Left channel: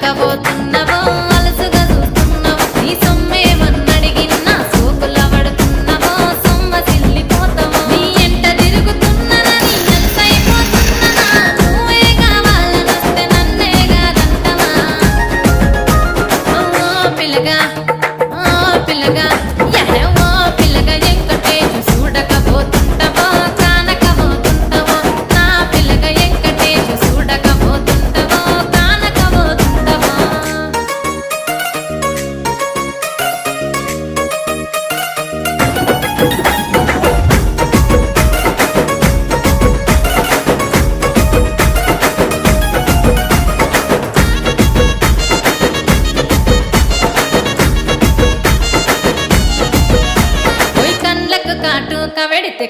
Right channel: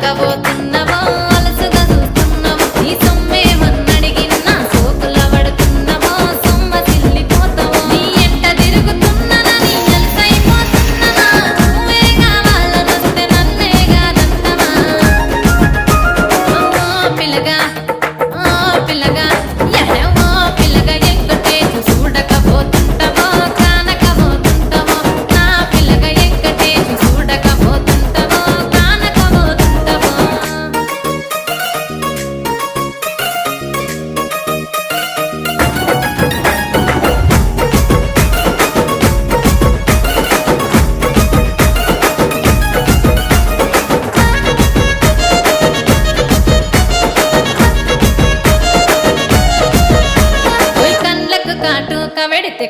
చూడకబోతున్నవో అలసుగా చూస్తున్నావో నీ సొమ్మేమన్నడిగిన్నా సోకుల పడుతున్నవో సొమ్మ సిల్లిపోతావో నీ ఎంట తిరుగుతున్ననని అలసైపోతున్ననా నువ్వే కావాలనొస్తే నన్నే కాదంటవా పిల్లగా పిల్లగా యహో పిల్లగా ఎంకటేషు చూడకబోతుంటవో కానకబోతుంటవో నా పిల్లగా ఎంకటేషు చూడకబోతుంటవో కానకబోతుంటవో ఓయ్ కండ్లకు కాటు కవెడితే